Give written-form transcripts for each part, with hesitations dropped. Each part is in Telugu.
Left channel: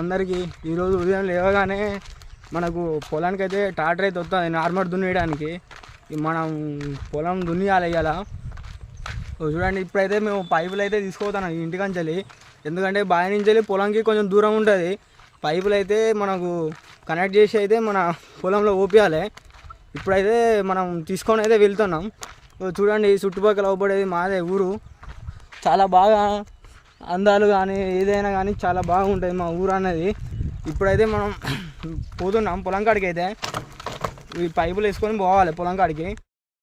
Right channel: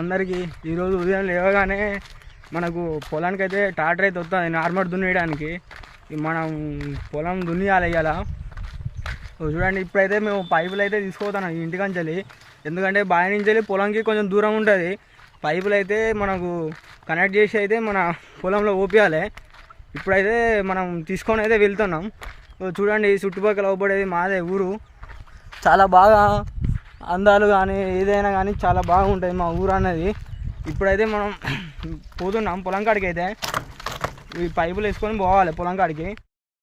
అందరికీ ఈరోజు ఉదయం లేవగానే మనకు పొలానికి అయితే ట్రాక్టర్ అయితే వస్తుంది నార్మల్ దున్నేయడానికి. మనం పొలం దున్నియాలి ఇవాళ. చూడండి, ఇప్పుడైతే మేము పైపులు అయితే తీసుకుపోతాను ఇంటికంచెల్లి. ఎందుకంటే బావి నుంచి వెళ్ళి పొలంకి కొంచెం దూరం ఉంటుంది. పైపులు అయితే మనకు కనెక్ట్ చేసి అయితే మన పొలంలో ఓపియాలి. ఇప్పుడైతే మనం తీసుకొని అయితే వెళ్తున్నాం. చూడండి, చుట్టుపక్కల అవపడేది మాదే ఊరు. చాలా బాగా అందాలు కానీ ఏదైనా కానీ చాలా బాగుంటుంది మా ఊరు అనేది. ఇప్పుడైతే మనం పోతున్నాం పొలం కాడికి. అయితే ఈ పైపులు వేసుకొని పోవాలి పొలం కాడికి.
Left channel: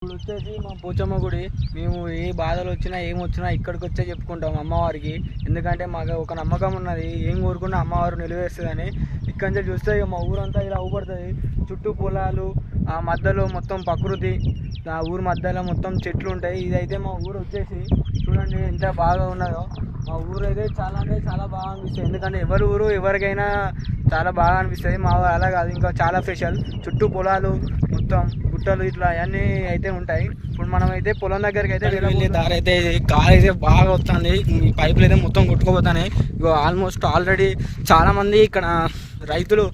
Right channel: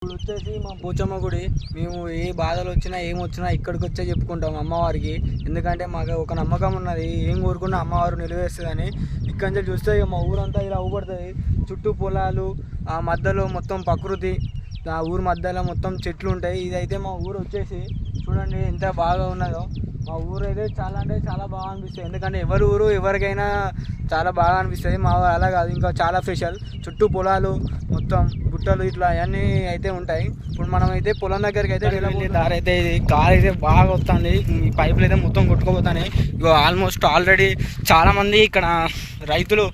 ఇప్పుడు వచ్చేసి మా పోచమ్మ గుడి. మేము ఏ బాధలు వచ్చినా ఏమొచ్చినా ఇక్కడికి వచ్చే చెప్పుకుంటాం అమ్మవారికి. ఎందుకంటే మాకు ఒక నమ్మకం ఉన్నది, ఏం కోరుకున్నా అమ్మవారు నిలవేస్తుందని. ఇక్కడి నుంచి చూస్తే మా ఊరంతా ఇలా ఊపడుతుంది. చుట్టూ పొలాలు, ఆ మధ్యలో మొత్తం ప్రకృతి, ఆ ఊరు మధ్యలో మొత్తం చెట్లు ఉంటాయి. ఇదైతే మా ఊరు వచ్చేసి చూడండి ఎంత బాగా ఉన్నదో. మా ఊరు అయితే చాలా అంటే చాలా బాగా అనిపిస్తుంది. ఎందుకంటే ఎవరి ఊరు ఎవరికైనా చాలా బాగా అనిపిస్తుంది. మా ఊరు అలా కాదు, ఇంకా చాలా స్పెషల్. చుట్టూ పొలాలు, మొత్తం గుట్టలు ఇట్లా అవన్నీ అయితే ఉంటాయి. ఇప్పుడు మనం అయితే పొలం దగ్గరికి అయితే వెళ్ళే దారి అయితే ఇది. గాలి అయితే బాగా వస్తుంది, ఈ పైపులు అయితే మొత్తం కొట్టుకుపోతున్నాయి. ఇగో ఆల్మోస్ట్ ఆల్రెడీ చాలామంది ఇక్కడ రైతులు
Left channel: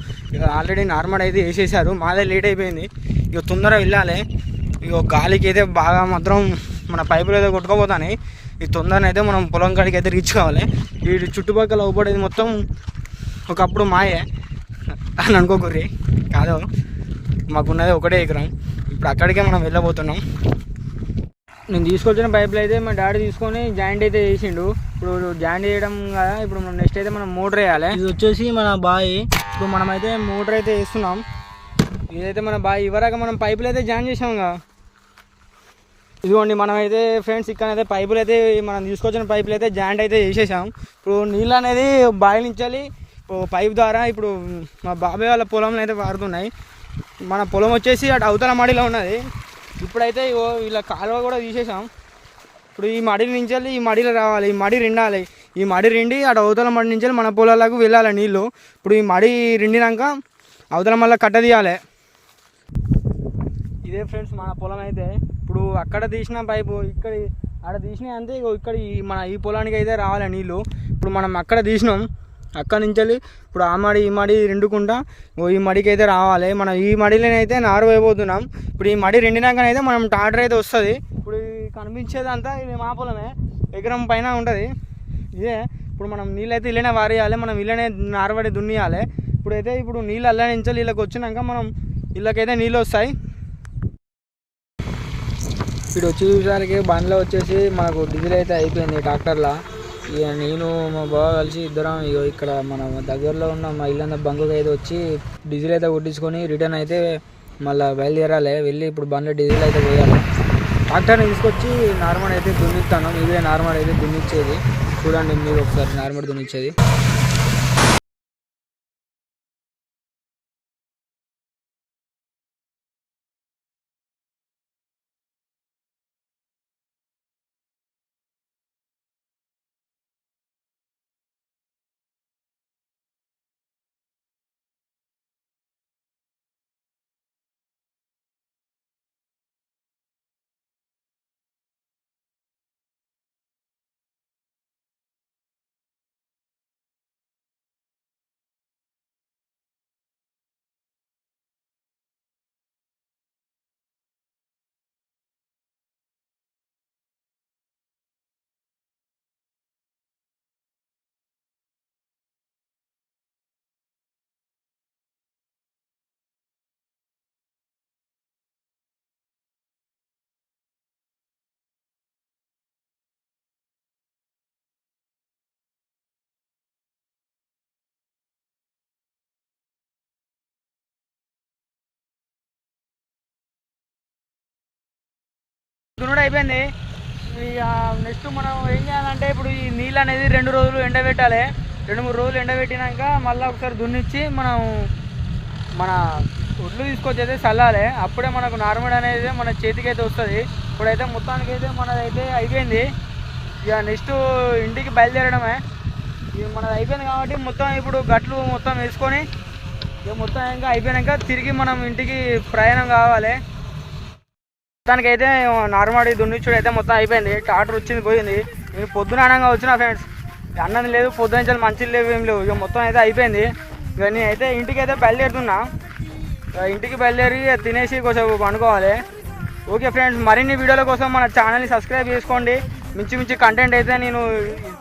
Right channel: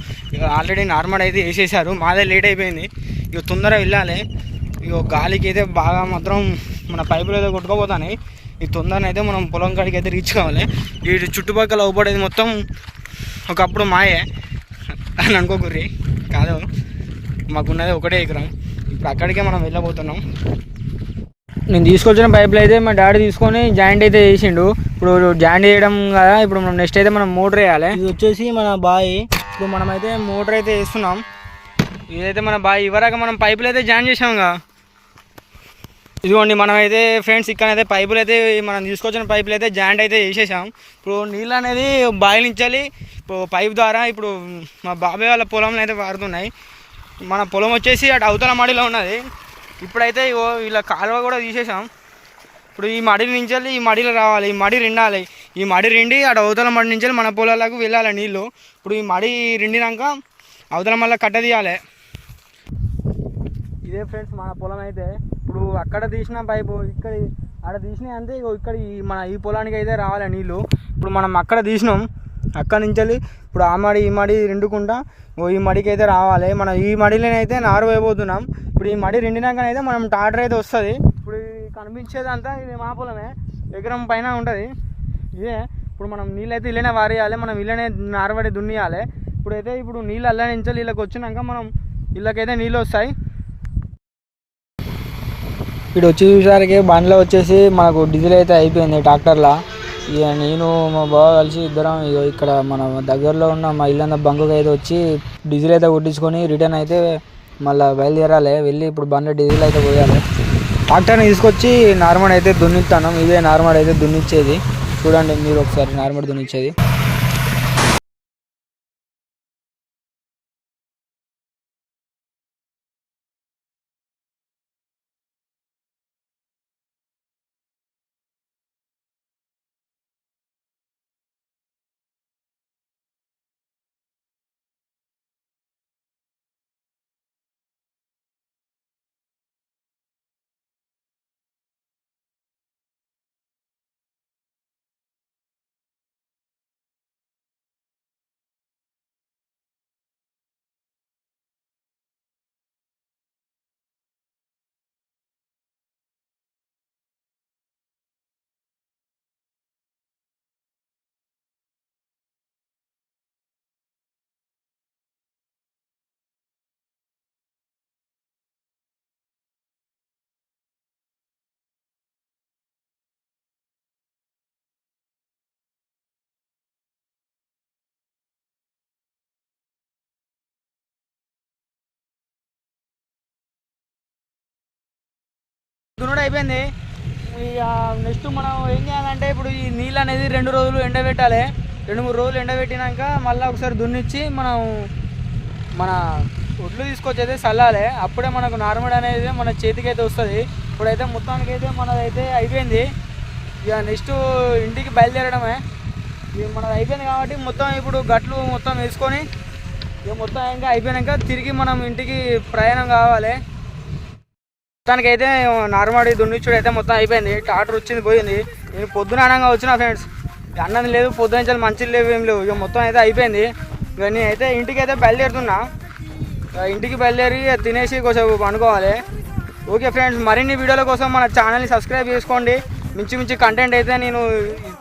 ఆల్రెడీ నార్మల్ అయితే వేసేసారు. మాదే లేట్ అయిపోయింది. ఇక తొందరగా వెళ్ళాలి. ఇక గాలికి అయితే బాగా మాత్రం మన పైపులు అయితే కొట్టుకుపోతున్నాయి. ఈ తొందరగా అయితే మనం పొలం కాడికి అయితే రీచ్ కావాలి. ఈ చుట్టుపక్కల అవపడేది మొత్తం ఒకప్పుడు మాయే అని అనుకోకూరి కాదు, మాకున్నది ఒకటే ఎకరం. ఇప్పుడు అక్కడికే మనం వెళ్ళబోతున్నాం. నేను తీసుకొచ్చిన పైపులు అయితే మా డాడీ తీసుకొని జాయింట్ అయితే చేసిండు. ఇప్పుడు జాయింట్ చేయడం కదా, ఇప్పుడు మనం నెక్స్ట్ అయితే మనం మోటర్ వేయాలి. ఇది వచ్చేసి మన బావి. ఇప్పుడు మనమైతే మోటర్ అయితే వేస్తున్నాం. ఇదైతే మన బావి. ఇవరాక మనం పైపులు అయితే జాయిన్ చేసాం కదా. ఇదిగోండి, మనమైతే ఫ్రెండ్స్ ఇక్కడైతే పైపులు అయితే మనం తీసుకొచ్చిన పైపులు అయితే జాయింట్ అయితే చేసేసాం. ఇప్పుడు నీళ్ళు అనేది బావి నుంచి పైప్ ద్వారా ఇప్పుడు మా బాబాయ్ వాళ్ళ పొలంలో అయితే వాడుతున్నాయి. మన పొలం వచ్చేసి అటు అవతల మడిలో ఉన్నది. ఇప్పుడైతే ఇలా కాలువ కూడా తీసేసాం. ఇప్పుడు ఈ మడి నుంచి ఈ మడిలో రావాలి, ఈ మడి రిండాలి. ఈ మడి రిండి అటు అవతల మడి నుంచి మన పొలాలకు వెళ్ళాలి నీళ్ళు. ఇప్పుడు ఈ మడి రిండినాక అవతల మళ్ళీ కట్ట తీయాలి. ఇదే ఫ్రెండ్స్ మన పొలం అయితే. ఇప్పుడు అక్కడ తీసిన పైపు ఇక్కడ అక్కడ తీసినాయి అంతే. ఇక్కడ ఈ పొలానికి అయితే రావాలి నీళ్ళు. ఇప్పుడు మనం అక్కడ తీసినాం, అక్కడ నుంచి ఇప్పుడు ఆ మడి ఈ మడి రెండుకుంటా ఈ మడికి అయితే రావాలి. మనం ఈ మడిలోనైతే నారు వేయబోతున్నాం. ఇప్పుడు ఈ మడి రెండినాకనైతే మనం ట్రాక్టర్ అయితే వస్తుంది. ఇప్పుడు కనిపించేదంతా ఇది మా పొలమే, ఎకరం పైన ఉంటుంది ఇదే. ఇప్పుడు మనం నీళ్ళు అయితే ఇళ్ళనే వారేయాలి, మనం ఇళ్ళనే నారబడి దున్నియాలి. ఇప్పుడైతే ఇప్పుడు నీళ్ళు అల్ల నుంచి వీళ్ళకి వచ్చినాక మనం వీళ్ళకైతే నీళ్ళు వస్తాయి. ఇప్పుడు వచ్చి చూసారికి బండ్లో వచ్చేసి మనకు డీజిల్ అయితే అయిపోయింది ట్రాక్టర్లో. ఇక నేను మా బావ కలిసి ఇద్దరం ఇక్కడ మన దగ్గరలో ఉన్న మా ఇల్లంద బంకుకి అయితే వచ్చి డీజిల్ అయితే కొట్టించుకొని రిటర్న్ అయితే మళ్ళీ బయలుదేరాలి. వెళ్ళి ఇప్పుడు బండ్లో డీజిల్ అయితే పోయాలి. ట్రాక్టర్ని తీసుకొచ్చి నార్మల్ అయితే దున్నిస్తాను. ఇదే నార్మల్ అయితే దున్నిచ్చేది. చూడండి మీరు ఒకసారి నార్మల్ దున్నిచ్చేది. దున్నుడు అయిపోయింది. ఇక నెక్స్ట్ మనం ఏం చేయాలంటే ఇప్పుడు ఈ నీళ్ళు అనేది 2 రోజులు ఎండబెట్టాలి. 2-3 రోజులు ఎండబెట్టినాక మళ్ళీ ఒకసారి దున్నిచ్చి మనం మన ఒడ్లు తీసుకొచ్చి అయితే చల్లాలి. అప్పుడే మనకు నార్మల్ అనేది మన చేతికి అయితే వస్తుంది. ఇప్పుడైతే మొత్తానికి అయితే మనదైతే అయిపోయింది. ఇక నెక్స్ట్ ఇంటికి బయలుదేరడమే. ఇక మనది అయిపోయింది కాబట్టి మొత్తం ఇప్పుడు గట్లు మొత్తం వేసుకొని ఇక మొత్తం ఇంకా అయిపోయాక తిరిగి మనం ఇంటికి ప్రయాణం కావాలి. మొత్తానికైతే నార్మల్ దున్నిచ్చుడు అయితే మొత్తం అయిపోయింది. ట్రాక్టర్ వచ్చింది పోయింది. నేను పొద్దున అనగా వచ్చిన ఫ్రెండ్స్. అన్నం లేదు, పొద్దున మంచిలు లేవు, ఏం లేవు. ఇక మొత్తం అయితే అయిపోయింది. ఇక నేనైతే ఇంటికి అయితే బయలుదేరుతున్నా. ఇంటికి బయలుదేరి తినేసి కొంచెం అనుకోవాలి. ఓకే ఫ్రెండ్స్, మరిన్ని వీడియోల కోసం మన ఛానల్ని సబ్స్క్రైబ్ చేసుకోండి. మంచి కంటెంట్ అయితే నేను